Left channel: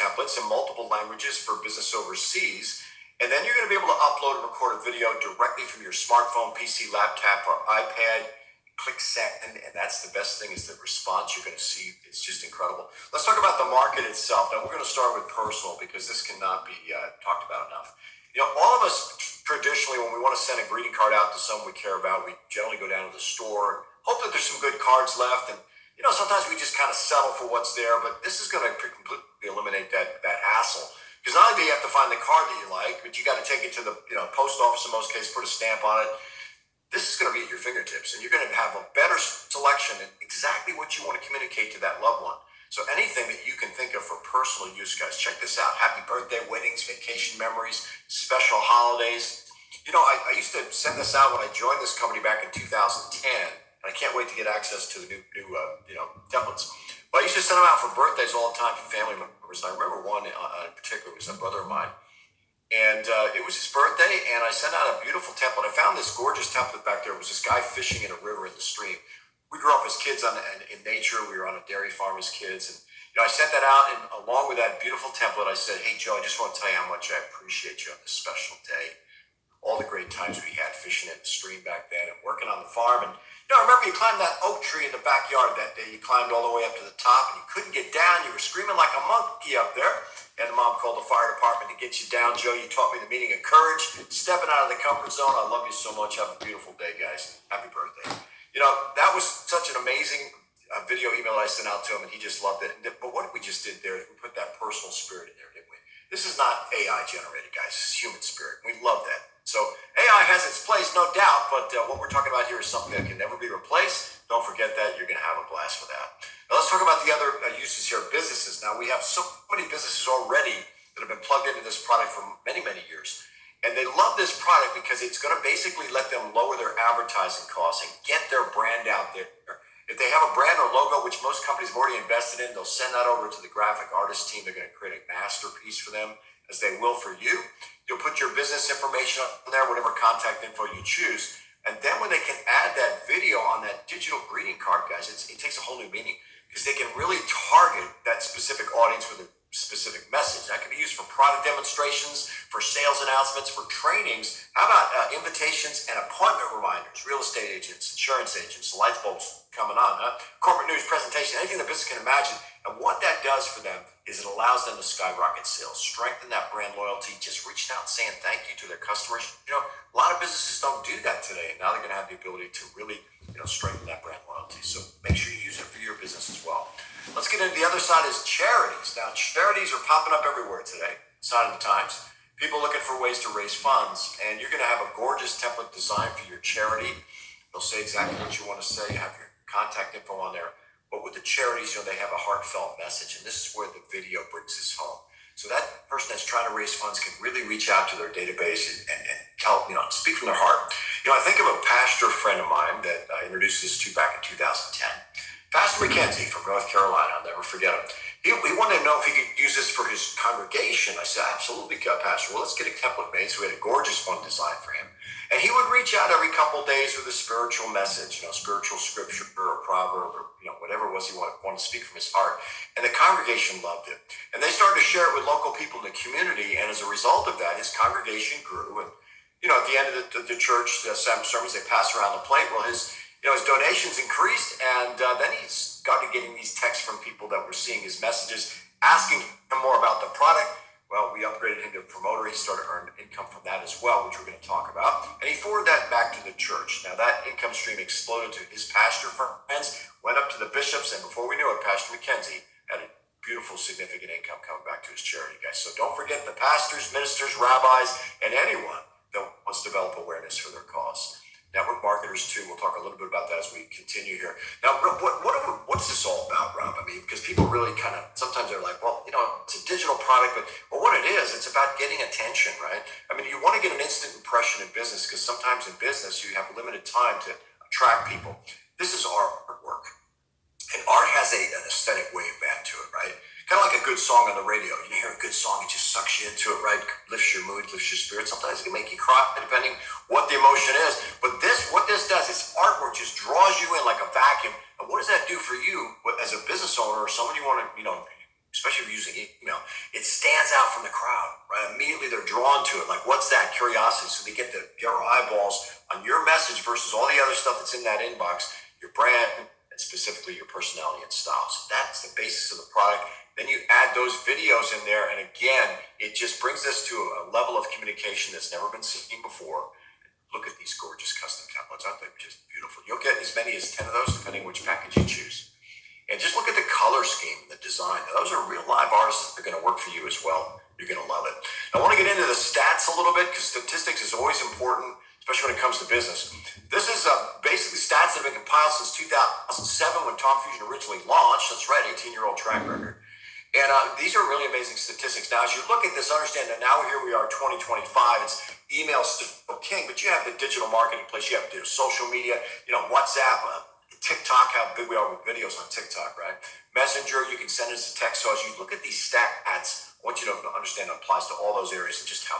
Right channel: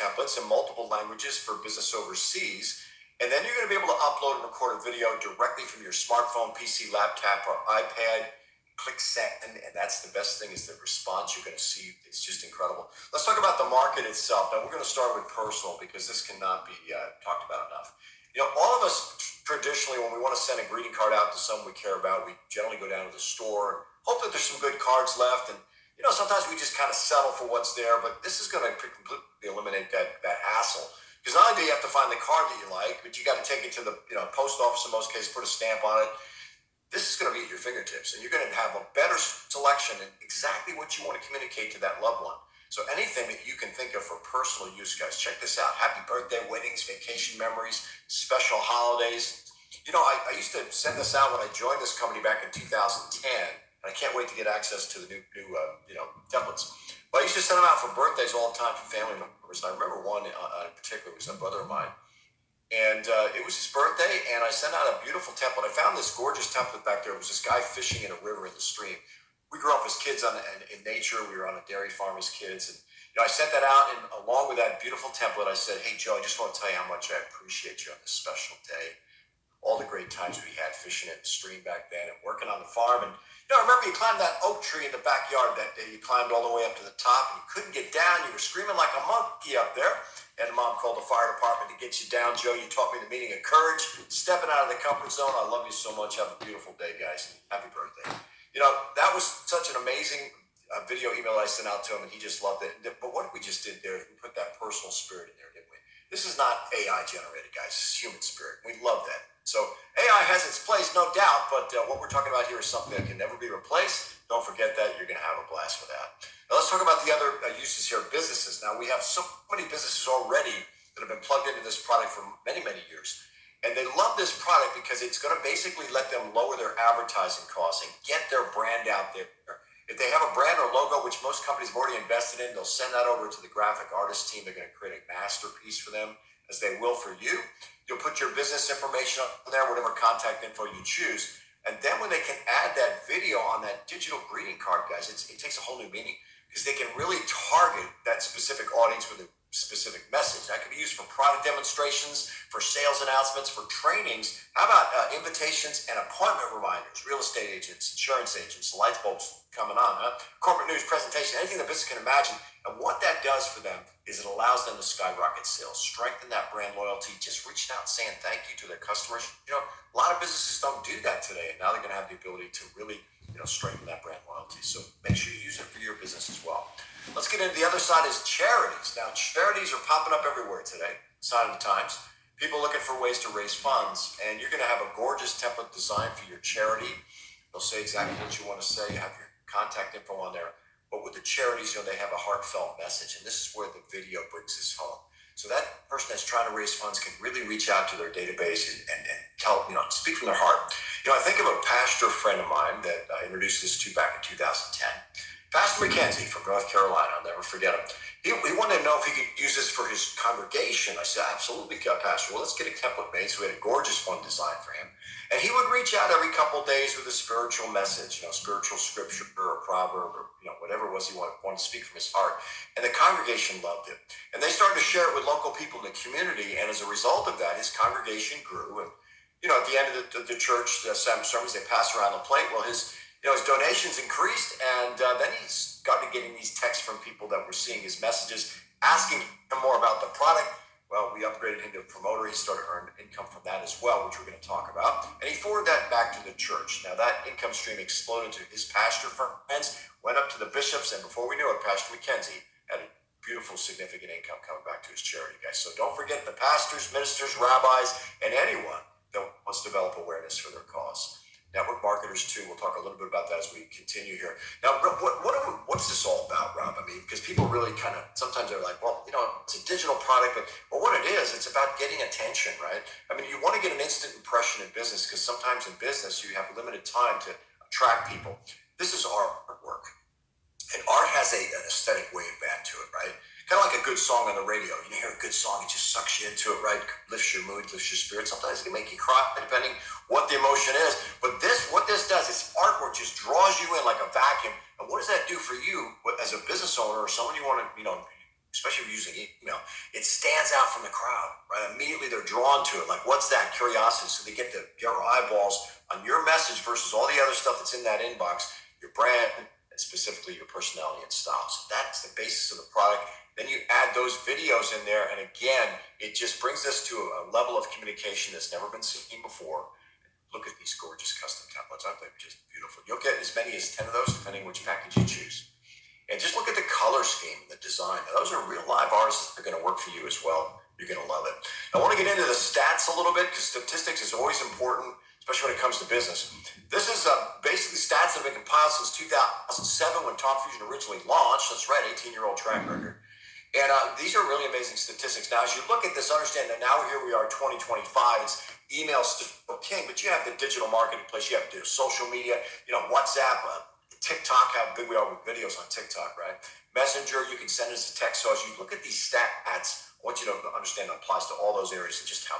templates in multiple languages for business overseas. And then you're going to be able to upload and record a video directly from your smartphone, PC, laptop, or iPad. Click send, and that's the best thing is the response you're going to see. It's just incredible. Let's talk about the market itself. Now, we're going to start with personal because this cannot be talked about enough. All of us traditionally, when we want to send a greeting card out to someone we care about, we generally go down to the store and hope that there's some good cards left. And, sometimes we just kind of settle for what's there, but this is going to completely eliminate that hassle. Because not only do you have to find the card that you like, but you got to take it to the post office in most cases, put a stamp on it. This is going to be at your fingertips, and you're going to have a better selection in exactly what you want to communicate to that loved one. So anything that you can think of for personal use, guys, check this out. Happy birthday, weddings, vacation memories, special holidays. I used to send this out when I joined this company back in 2010, and I can't wait to get access to the new templates. But I used to send them out for birthdays all the time for family members. And I remember one in particular was a brother of mine. And it was his birthday, and I sent out a beautiful template. I found this gorgeous template back there. It was this guy fishing in a river in the stream. We grew up as kids in nature. We were on a dairy farm as kids. And I sent that out, and along with that beautiful template, I said, hey, Joe, I just want to tell you how much I appreciate you on this special day. All the great times we had fishing in the stream back then and working on the farm. And, I remember you climbed that oak tree in the backyard that day. You climbed all the way up to the top, and you couldn't get down. You were screaming like a monkey up there. And Mom called the fire department to get you down. Joe, you taught me the meaning of courage, stepping out of the comfort zone. I love you so much. Have a beautiful day, guys. Happy birthday. That was such an amazing video email I sent out to him, and he just loved it. But what we just did there is we put that personal spirit in there, didn't we? This is not AI generated, guys. This is human spirit. We love that. So AI has its place, no doubt, but what we're talking about here is something that can never be replaced. Don't forget that. You're going to have a blast with that. Now, let's talk about the other uses here, businesses. Now, we have so many businesses already that have been plugged into this product for many, many years. And they love this product because it's going to basically let them lower their advertising costs and get their brand out there. If they have a brand or logo, which most companies have already invested in, they'll send that over to the graphic artist team. They're going to create a masterpiece for them, as they will for you. You'll put your business information on there, whatever contact info you choose. And then when they can add that video on that digital greeting card, guys, it takes a whole new meaning because they can really target that specific audience with a specific message. That can be used for product demonstrations, for sales announcements, for trainings. How about invitations and appointment reminders? Real estate agents, insurance agents, light bulbs coming on, corporate news presentation, anything the business can imagine. And what that does for them is it allows them to skyrocket sales, strengthen that brand loyalty, just reaching out and saying thank you to their customers. A lot of businesses don't do that today, and now they're going to have the ability to really, strengthen that brand loyalty. So make sure you use it for your business as well. Let's get into the other side is charities. Now, charities are popping up everywhere today, sign of the times. People looking for ways to raise funds, and you're going to have a gorgeous template designed for your charity. They'll say exactly what you want to say. You have your contact info on there. But with the charities, they have a heartfelt message, and this is where the video brings this home. So that person that's trying to raise funds can really reach out to their database and tell, speak from their heart. I think of a pastor friend of mine that I introduced this to back in 2010. Pastor McKenzie from North Carolina, I'll never forget him. He wanted to know if he could use this for his congregation. I said, absolutely, Pastor. Well, let's get a template made. So we had a gorgeous one designed for him. And he would reach out every couple of days with a spiritual message, spiritual scripture or a proverb or, whatever it was he wanted to speak from his heart. And the congregation loved it. And they started to share it with local people in the community. And as a result of that, his congregation grew. And, at the end of the church, the sermons, they passed around the plate. Well, his donations increased. And then he started getting these texts from people that were seeing his messages, asking him more about the product. Well, we upgraded him to a promoter. He started to earn income from that as well, which we're going to talk about. And he forwarded that back to the church. Now, that income stream exploded to his pastor friends, went up to the bishops, and before we knew it, Pastor McKenzie had a beautiful, significant income coming back to his charity, guys. So don't forget the pastors, ministers, rabbis, and anyone that wants to develop awareness for their cause. Network marketers, too. We'll talk a little bit about that as we continue here. Now, what's this all about, Rob? I mean, because people really kind of, sometimes they're like, well, it's a digital product, but what it is, it's about getting attention, right? I mean, you want to get an instant impression in business because sometimes in business, you have limited time to attract people. This is artwork. And art has an aesthetic wave band to it, right? Kind of like a good song on the radio. You hear a good song, it just sucks you into it, right? Lifts your mood, lifts your spirit. Sometimes it can make you cry, depending what the emotion is. But what this does is artwork just draws you in like a vacuum. And what does that do for you as a business owner or someone you want to, especially if you're using email? It stands out from the crowd, right? Immediately they're drawn to it. Like, what's that? Curiosity. So they get your eyeballs on your message versus all the other stuff that's in that inbox, your brand, and specifically your personality and style. So that's the basis of the product. Then you add those videos in there, and again, it just brings us to a level of communication that's never been seen before. Look at these gorgeous custom templates. Aren't they just beautiful? You'll get as many as 10 of those, depending which package you choose. And just look at the color scheme, the design. Those are real live artists that are going to work for you as well. You're going to love it. I want to get into the stats a little bit because statistics is always important, especially when it comes to business. This is basically stats that have been compiled since 2007 when Tom Fusion originally launched. That's right, 18-year-old track record. And these are really amazing statistics. Now, as you look at this, understand that now here we are, 2025. It's email still king, but you have the digital marketplace. You have social media, WhatsApp, TikTok, how big we are with videos on TikTok, right? Messenger, you can send us a text. So as you look at these stats, I want you to understand it applies to all those areas and just how